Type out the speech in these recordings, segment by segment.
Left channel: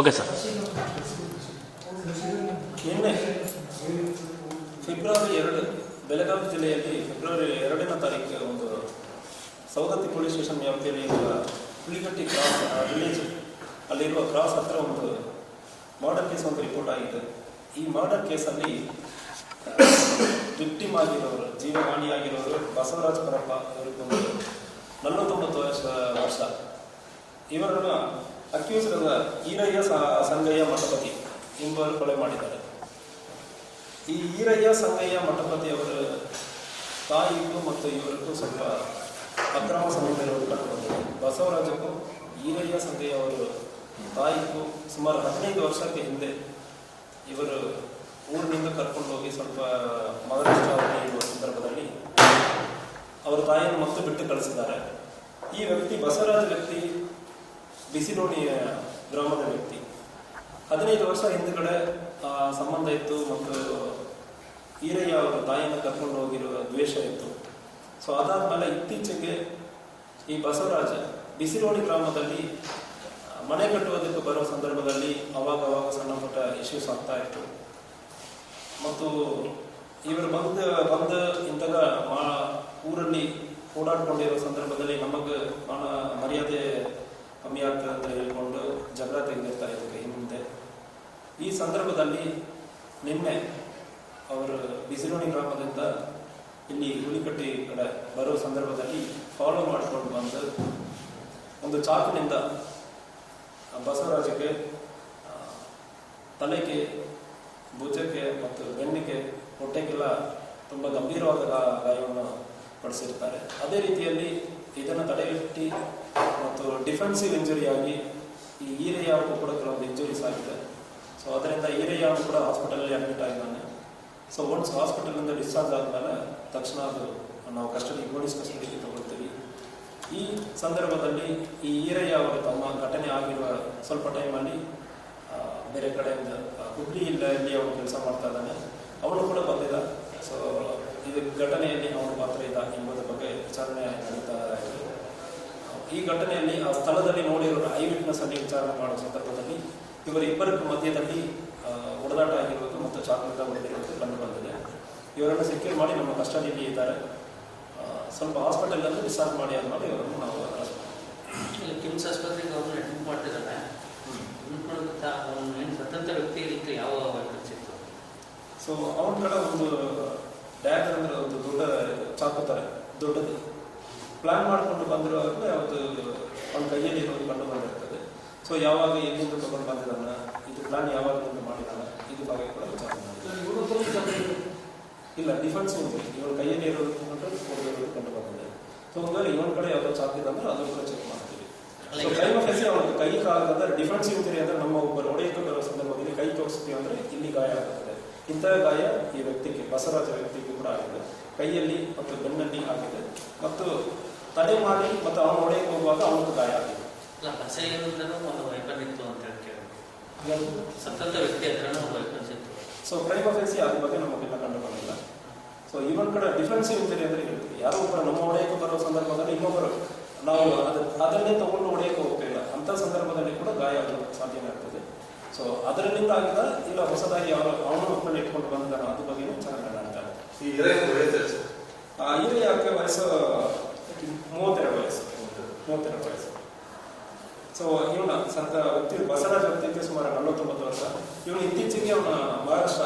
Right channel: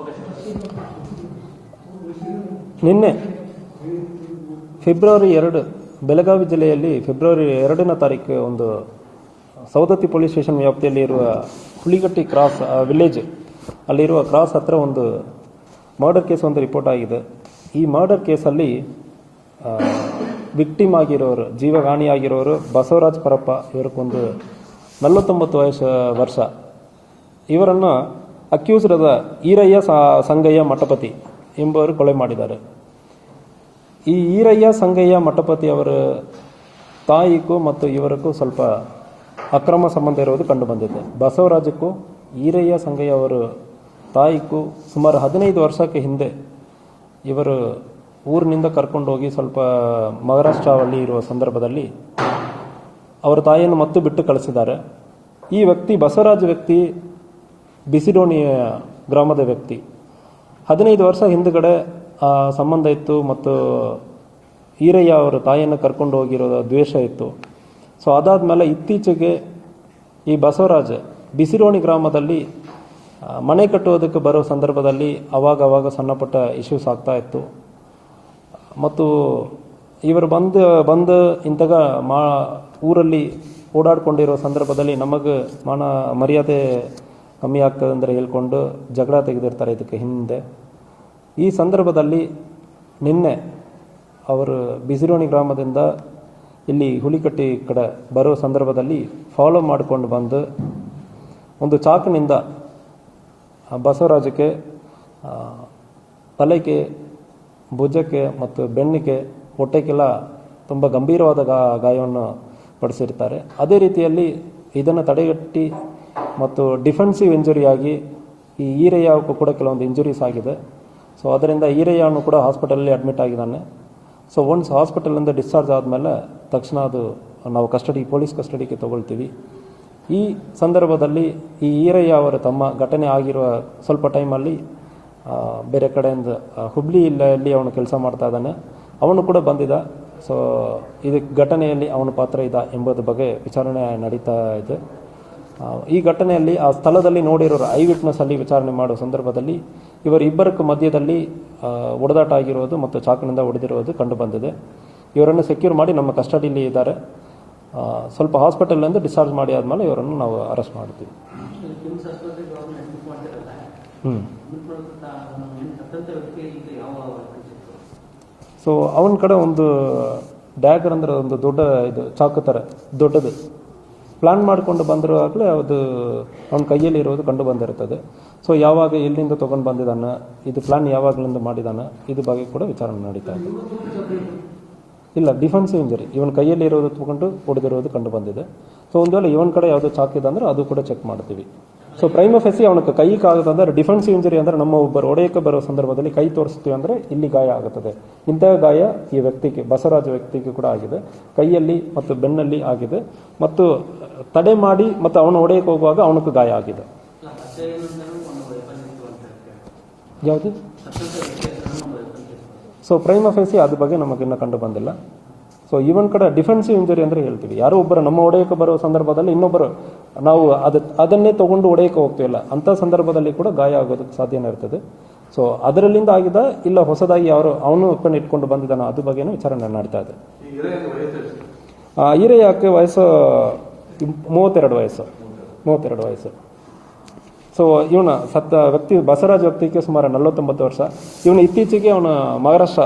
Okay sir. ನಿನ್ನೆ February 2 Belagavi ಜಿಲ್ಲೆಯಲ್ಲಿ February 2ನೇ ತಾರೀಕು ಒಂದು ಸೌದತ್ತಿ ಪೊಲೀಸ್ ಸ್ಟೇಷನ್ ವ್ಯಾಪ್ತಿಯಲ್ಲಿ ಇರುವ ಹುಲಿಗಟ್ಟಿ ಕ್ರಾಸ್ ವಿಲೇಜ್ ಅಲ್ಲಿರುವ ಕ್ರಾಸ್ ಹತ್ರ ಒಂದು ಮರ್ಡರ್ ಕೇಸ್ ಒಂದು ರಿಪೋರ್ಟ್ ಆಗಿದೆ. ಈ ಮರ್ಡರ್ ಕೇಸಲ್ಲಿ ವಿಕ್ಟಿಮ್ ಆಗಿರೋರು, ಜೀವಹಾನಿಯಾಗಿರೋರು ಬಸವರಾಜ್ ಪರಪ್ಪ, ಇವರಿಗೊಂದು 49 ವರ್ಷ. ಇವರನ್ನು ಅಕ್ಯೂಸ್ಡ್ ಈರಯ್ಯ ಸಂಗಯ್ಯ ಮಠಪತಿ ಎಂಬುವರು ಕೊಲೆ ಮಾಡಿದ್ದಾರೆ. ಈ ಈರಯ್ಯ ಸಂಗಯ್ಯ ಮಠಪತಿ ಅವರ ತಾಯಿಗೂ ಮತ್ತು ಇವರಿಗೂ ಸ್ವಲ್ಪ ಅಕ್ರಮ ಸಂಬಂಧ ಇರುವುದು ಕಂಡುಬಂದಿದೆ. ಬಸವರಾಜಕ್ಕೂ ಈರಯ್ಯ ಸಂಗಯ್ಯ ಅವರ ತಾಯಿಗೂ ಸುಮಾರು 15 ವರ್ಷಕ್ಕೆ ಹಿಂದೆ ಇವರು ಊರಿನಿಂದ ಕರ್ಕೊಂಡೋಗಿ ಸ್ವಲ್ಪ ಮಹಾರಾಷ್ಟ್ರದಲ್ಲಿ ಇರುವ ಸಂದರ್ಭದಲ್ಲಿ ಅವರ ತಾಯಿಯನ್ನು ಮತ್ತೆ ಬಿಟ್ಟು ಕಳಿಸಿದ್ದಾರೆ. ಈ ವ್ಯಕ್ತಿ ಬಸವರಾಜ ವ್ಯಕ್ತಿ ಬಿಸಿಡೋಣಿ ಗ್ರಾಮದ ವ್ಯಕ್ತಿ. 15 ವರ್ಷ ಹಿಂದುಗಡೆ ಸಂಬಂಧ ಇತ್ತು ಮತ್ತು ಈರಯ್ಯ ಅವರ ತಾಯಿಯನ್ನು ಕರ್ಕೊಂಡು ಹೋಗಿರೋ ದ್ವೇಷ ಇತ್ತು. ಸೊ ಅದಾದಮೇಲೆ ಇತ್ತೀಚೆಗೆ ಈ ಬಸವರಾಜ್ ಬಿಸಿಡೋಣಿ ಗ್ರಾಮದಲ್ಲಿ ಮನೆ ಕಟ್ಟುವುದಕ್ಕೆ ಬರೋ ಸಂದರ್ಭದಲ್ಲಿ ಅವಾಗ ಸಣ್ಣಪುಟ್ಟ ಇಶ್ಯೂಸ್ ಆಗ್ತಾ ಇತ್ತು. ಮತ್ತು ಇವರು ಬಂದು ಇಂತಾಗ ಊರಲ್ಲಿ ಓಡಾಡ್ಕೊಂಡಿರೋ ಸಂದರ್ಭದಲ್ಲಿ ನಮಗೆ ಮರ್ಯಾದೆ ಕಮ್ಮಿ ಆಗ್ತದೆ ಅಂದರೆ ಹೇಳ್ಕೊಂಡು ಜಗಳ ತೆಗೆದಿರ್ತಾರೆ ಇದಕ್ಕೆ ಹಿಂದೆ. ಈ ಸಂದರ್ಭದಲ್ಲಿ ನಿನ್ನೆ ಅವರು ಬಿಸಿರೋಣಿ ಗ್ರಾಮದಿಂದ ಇಲ್ಲಿ ಹುಲಿಕಟ್ಟಿ ಕಡೆ ಬರೋ ಸಂದರ್ಭದಲ್ಲಿ ಫಾಲೋ ಮಾಡಿಕೊಂಡು ಬಂದು ಒಂದು ಚಾಕಿನಿಂದ ಬಸವರಾಜಕ್ಕೆ ತಲೆಗೆ, ಭುಜಕ್ಕೆ ಮತ್ತು ಬೆನ್ನಿಗೆ, ಹೊಟ್ಟೆಗೆಲ್ಲ ತುಂಬ ಗಂಭೀರವಾದ ಗಾಯವನ್ನು ಪಡಿಸಿರ್ತಾರೆ. ಅದೇ ರೀತಿಯಲ್ಲಿ ಇದನ್ನು ತಡೆಗಟ್ಟಿ ಮತ್ತು ಡಿಫೆನ್ಸಿವ್ ಇಂಜುರಿಯಾಗಿ ಈ ಈರಯ್ಯಕ್ಕೂ ಕೂಡ ಕೆಲವೊಂದು ಇಂಜುರೀಸ್ ಆಗಿದೆ. ಸೊ ಅದರಿಂದ ಈರಯ್ಯನು ಕೂಡ ಹಾಸ್ಪಿಟಲಲ್ಲಿ ಅಡ್ಮಿಟ್ ಆಗಿದ್ದಾನೆ. ಸೊ ಒನ್ಸ್ ಹಾಸ್ಪಿಟಲಿಂದ ಡಿಸ್ಚಾರ್ಜ್ ಆದಮೇಲೆ ತಕ್ಷಣ ಅದು ನಾವು ಪೊಲೀಸ್ ಕಸ್ಟಡಿಗೆ ತಗೊಳ್ತೀವಿ. ಈ ಸಂದರ್ಭದಲ್ಲಿ ಈ ಈರಯ್ಯ ಅವರ ತಮ್ಮ ಘಟನೆ ಆಗಿರುವ ಸ್ವಲ್ಪ ಟೈಮಲ್ಲಿ ಬೇರೆ ಕಡೆಯಿಂದ ಹುಬ್ಳಿಯಲ್ಲಿ ಅವನು ಕೆಲಸ ಮಾಡ್ತಾ ಇದ್ದಾನೆ. ಅವನು ಕೂಡ ಬಂದಿದ್ದ. ಸೊ ಇದು ಘಟನೆಯಲ್ಲಿ ಅವನ ಪಾತ್ರ ಇದೆ ಎಂಬುದರ ಬಗ್ಗೆ ವಿಚಾರಣೆ ನಡೀತಾ ಇದೆ. ಈ ಘಟನೆಯಲ್ಲಿ ಆ ಸ್ಥಳದಲ್ಲಿ ನೋಡಿರೋರು ಐ ವಿಟ್ನೆಸ್ ಅಲ್ಲಿ ವಿಚಾರಣೆ ಮಾಡುವ ಸಂದರ್ಭದಲ್ಲಿ ಇವರಿಬ್ಬರಕ್ಕೂ ಮಧ್ಯದಲ್ಲಿ ಒಡೆದಾಟ ಆಗಿರೋದು ಮತ್ತು ಚಾಕಿನಿಂದ ಹೊಡೆದಿರುವುದು ಕಂಡು ಬಂದಿದೆ. ಇವರನ್ನು ಸೆಕ್ಯೂರ್ ಮಾಡಿ ನಮ್ಮ ಕಸ್ಟಡಿಯಲ್ಲಿ ಇದ್ದಾರೆ. ಸ್ವಲ್ಪ ಹಾಸ್ಪಿಟಲಿಂದ ಡಿಸ್ಚಾರ್ಜ್ ಮಾಡಿ ಆದಮೇಲೆ ಇವರನ್ನು ನಾವು ಅರೆಸ್ಟ್ ಮಾಡ್ತೀವಿ. ಸೊ ಅವನ ಕಡೆ ಒಂದು ಡ್ಯಾಗರ್ ಅಂದರೆ ಒಂದು ದೊಡ್ಡ ಇದು ಚಾಕು ಥರ ದೊಡ್ಡದು ಪ್ಲ್ಯಾನ್ ಮಾಡಿಕೊಂಡು ಬಂದಿರುವಾಗಲೇ ಅದು ಅವನ ಕೈಯಲ್ಲಿ ಇರೋದು ಕಂಡು ಬಂದಿರುತ್ತದೆ. ಸೊ ಯಾವಾಗ ಎಲ್ಲಿಂದ ತೊಗೊಂಡು ಬಂದಿದ್ದಾನೆ, ಇದು ಪ್ಲ್ಯಾನ್ ಯಾವಾಗಲಿಂದ ಮಾಡಿದ್ದಾನೆ, ಇದು ಬಗ್ಗೆ ಕೂಡ ವಿಚಾರಣೆ ನಡೀತಾ ಇದೆ. ಇಲ್ಲ, ಡಿಫೆನ್ಸಿವ್ ಇಂಜರಿ ಇವನ ಕೈಯಲ್ಲಿ ಇರೋದು ತೊಗೊಂಡು ಹೊಡೆದಿರೋದು ಕಂಡು ಬಂದಿದೆ. ಸೊ ಒಂದು ವೇಳೆ ಇವನ ಕಡೆ ಯಾವುದೋ ಚಾಕಿದೆ ಅಂದರೆ ಅದು ಕೂಡ ಚೆಕ್ ಮಾಡ್ತೀವಿ. ಸೊ ಪ್ರೈಮ್ ಆಫೀಸಿ ಅವನಿಗೆ ಕೈ ಕಾಗದಂದ್ರೆ ಡಿಫೆನ್ಸಿವ್ ಇಂಜರಿ ಅಂದರೆ ನಮ್ಮ ಒಬ್ಬರು ಹೊಡೆಯಕ್ಕೆ ಬರೋ ಸಂದರ್ಭದಲ್ಲಿ ಕೈ ತೋರಿಸ್ತೀವಿ ಅಂದರೆ ಇಲ್ಲಿ ಗಾಯ ಆಗುತ್ತದೆ. ಇಂತಹ ಗಾಯ ಈ ವ್ಯಕ್ತಿಗೆ, ಬಸವರಾಜ ವ್ಯಕ್ತಿಗೆ ಕೂಡ ಆಗಿದೆ. ಕೈಯಲ್ಲಿ ಮತ್ತು ಬೆನ್ನಲ್ಲಿ ಆಗಿದೆ ಮತ್ತು ತಡೆ ಮಾಡಿ ಮತ್ತು ಅವನು ಹೊಡೆಯಕ್ಕೆ ಹೋಗುವಾಗ ಅವನಿಗೂ ಗಾಯ ಆಗಿದೆ. ಯಾವುದು? ಸೊ ಪ್ರೈಮ್ ಆಫೀಸಿ ಅದ್ರ ಬಗ್ಗೆ ನಮಗಿನ್ನೂ ಕಂಡು ಬಂದಿಲ್ಲ. ಸೊ ಇವನ್ ಕಡೆ ಡಿಫೆನ್ಸಿವ್ ಇಂಜರಿ ಅಂದರೆ ಹೇಳ್ತೀವಿ, ಯಾರೋ ಒಬ್ಬರು ನಮ್ಮ ಹೊಡೆಯಕ್ಕೆ ಬರೋ ಸಂದರ್ಭದಲ್ಲಿ ಇನ್ನೊಬ್ಬರು ನಾವು ಅದನ್ನೇ ತೊಗೊಂಡು ಹೊಡೆಯಕ್ಕೆ ಹೋಗ್ತಿಲ್ಲ, ಅಂಥ ಸಂದರ್ಭದಲ್ಲಿ ಕೂಡ ಗಾಯ ಆಗೋದಕ್ಕೆ ಸಾಧ್ಯನೇ ಇರ್ತದೆ. ಸೊ ಅದರಲ್ಲಿಂದ ಆಗಿದ ಇಲ್ಲ ಹೊಸದಾಗಿ ಅವನು ಒಪ್ಪನ್ನು ಇಟ್ಕೊಂಡು ಬಂದಿದ್ದಾನೆ, ಅದ್ರ ಬಗ್ಗೆನೂ ವಿಚಾರಣೆ ನಡೀತಾ ಇದೆ. ಈರಯ್ಯಕ್ಕೆ ವಯಸ್ಸು 32 ವಯಸ್ಸು. ಸೊ ಇವನ ಸತ್ತ ವ್ಯಕ್ತಿ ಬಸವರಾಜ್ ವ್ಯಕ್ತಿಗೆ ಸುಮಾರು 49 ವರ್ಷ. ಇವನು ಇತ್ತೀಚೆಗೆ ಅವನ ಮಹಾರಾಷ್ಟ್ರ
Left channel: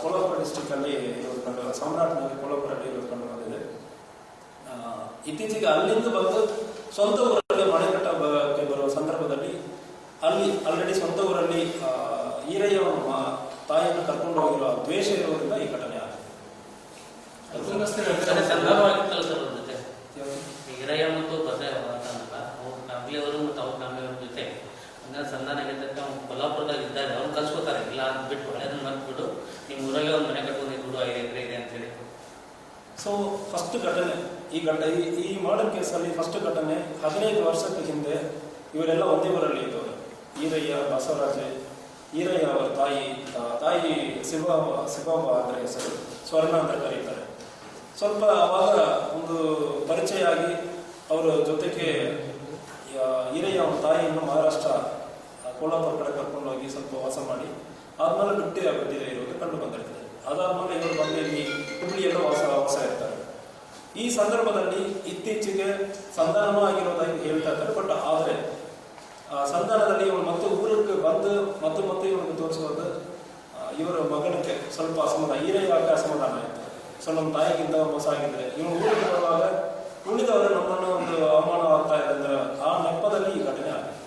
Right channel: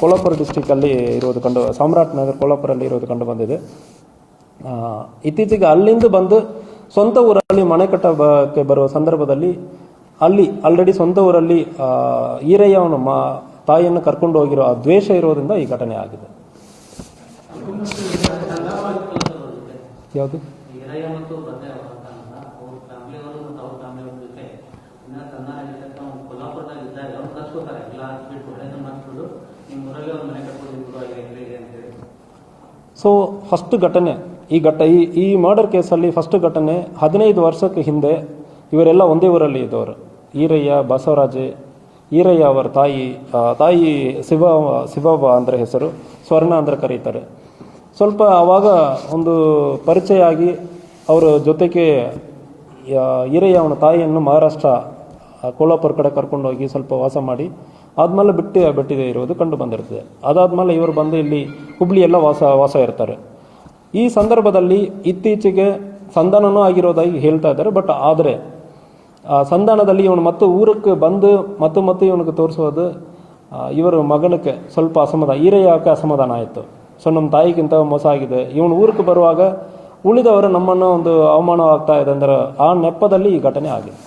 ಕೋಲ್ಹಾಪುರ ಡಿಸ್ಟಿಕಲ್ಲಿ ಇರೋದು ಸಾಮ್ರಾಟ್ ನಗರ್ ಕೋಲ್ಹಾಪುರಲ್ಲಿ ಇರೋದು ಕಂಡು ಬಂದಿದೆ. ಇತ್ತೀಚೆಗೆ ಅಲ್ಲಿಂದ ಬಂದು ಸ್ವಂತ ಊರಲ್ಲಿ ಮನೆ ಕಟ್ಟಕ್ಕೆ ಬರುವ ಸಂದರ್ಭದಲ್ಲಿ ಅಲ್ಲಿ ಆಲ್ರೆಡಿ ಸ್ವಂತ ಊರಲ್ಲಿ ಈರಯ್ಯ ಅವನ ತಾಯಿಯನ್ನು ಕರ್ಕೊಂಡು ಹೋಗಿರೋ ಆ ದ್ವೇಷ ಇರೋದ್ರಿಂದ ಈ ಘಟನೆ ಆಗಿದೆ. ಯಾವುದು? ಸೊ ಫಸ್ಟ್ ಘಟನೆ ಈ ಮರ್ಡರ್ ಕೇಸಲ್ಲಿ ಫಸ್ಟ್ ಘಟನೆ 15 ವರ್ಷಕ್ಕೆ ಹಿಂದೆ ಇವರೆಲ್ಲ ಒಂದೇ ಊರಲ್ಲಿ ಇದ್ದವರು. ಈರಯ್ಯ, ಬಸವರಾಜ್, ಈರಯ್ಯ ಅವರ ತಾಯಿ ಶಿವಬ ಅಂದರೆ ಹೆಸರು, ಸ್ವರ್ಣ ಅಂದರೆ ಕರೀತಾರೆ. ಸ್ವಲ್ಪ ಆವಾಗ ಒಂದು ಪರಿಚಯ ಆಗಿ ಅವರ ಜೊತೆಗೆ ಈರಯ್ಯ ಅವನ ತಾಯಿಯನ್ನು ಮಹಾರಾಷ್ಟ್ರ ಕೋಲಾಪುರ ಕಡೆ ಕರ್ಕೊಂಡೋಗಿ ಸ್ವಲ್ಪ ವಾಸ ಮಾಡಿ ಆದಮೇಲೆ ಬಿಟ್ಟಿದೆ ಇರೋದು ಕಂಡು ಬಂದಿರ್ತದೆ. ಅದಾದಮೇಲೆ ಇವರು ಬಂದು ಇಲ್ಲಿ ಹುಬ್ಳಿ ಎಲ್ಲ ವಾಸ ಇರ್ತಾರೆ. ಈ ಸಂದರ್ಭದಲ್ಲಿ ಇತ್ತೀಚೆಗೆ ಸಂಧಾನನೂ ಆಗಿರೋದಾಗಿ ಹೇಳ್ತಾ ಇದ್ದಾರೆ. ಬಟ್ ಆದರೆ ಸಂಧಾನದಲ್ಲಿ ಇವನು ಮತ್ತು ಊರಕ್ಕೆ ಬಂದು ಮತ್ತು ಇವನಿಗೆ ತೋರಿಸೋದು ಇವರ ಮಗನಕ್ಕೆ ಸ್ವಲ್ಪ ಈರಯ್ಯಕ್ಕೆ ಅಸಮಾಧಾನ ಆಯಿತು. ಸೊ ನಮ್ಮ ತಾಯಿಗಿಂತ ಮೋಸ ಆಗಿದೆ, ಇವನು ಊರಿಗೆ ಬರುವಾಗ ಉಳಿದವರು ನಮ್ಮನ್ನು ಒಂದು ಅವಮಾನ ಆಗ್ತಾ ಇದೆ ಅಂದ್ರೆ ಆ ನೆಪದಲ್ಲಿ ಈ ಘಟನೆ ಆಗಿದೆ.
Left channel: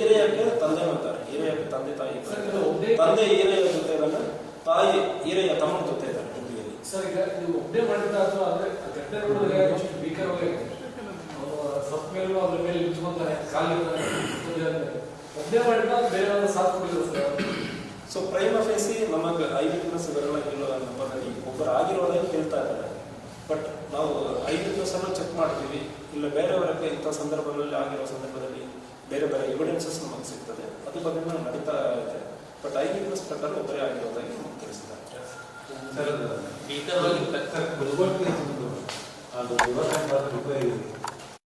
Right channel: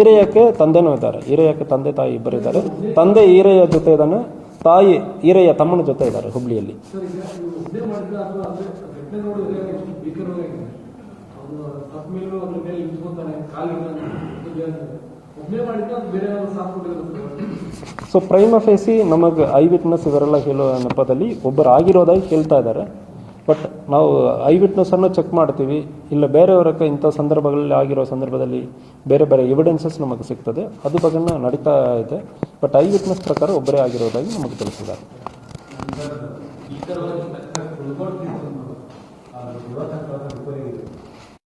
ಈರಯ್ಯಕ್ಕೆ ತಂದೆನೂ ಇದ್ದಾರೆ. ಈರಯ್ಯಕ್ಕೆ ತಂದೆ ತಾಯಿ ಇಬ್ಬರಿದ್ದಾರೆ. ತಂದೆ ಈರಯ್ಯ ಜೊತೆ ಇದ್ದಾನೆ, ತಾಯಿ ಈರಯ್ಯ ತಮ್ಮನ ಜೊತೆ ಇದ್ದಾರೆ ಹುಬ್ಳಿಯಲ್ಲಿ. ಸೊ ಪ್ರೈಮ ಫೇಸಿ ನಮಗೆ ಐ ವಿಟ್ನೆಸ್ ಇವರೆಲ್ಲ ಹೇಳೋ ನೆಪದಲ್ಲಿ ಒಬ್ಬರು ಆಗಿರೋದಾಗಿ ಹೇಳ್ತಾ ಇದ್ದಾರೆ. ಬಟ್ ನಾವು ಐ ವಿಟ್ನೆಸ್ಸನ್ನು ಚೆಕ್ ಮಾಡ್ತೀವಿ, ಇಲ್ಲ ಬೇರೆಯವರಕ್ಕೆ ಇಂಥ ಸಂದರ್ಭಗಳಲ್ಲಿ ಆಗಿರೋ ಸಂದರ್ಭದಲ್ಲಿ ಬೇರೆ ಎವಿಡೆನ್ಸಸ್ ನಮಗೆ ಸಿಗ್ತದೆ, ಅದು ಬಗ್ಗೆ ನಡೀತಾ ಇದೆ. ಬಟ್ ಐ ವಿಟ್ನೆಸ್ ಪ್ರಕಾರ ಒಬ್ಬರೇ ಆಗಿರೋದಾಗಿ ನಮಗೆ ತಿಳಿಸಿದ್ದಾರೆ.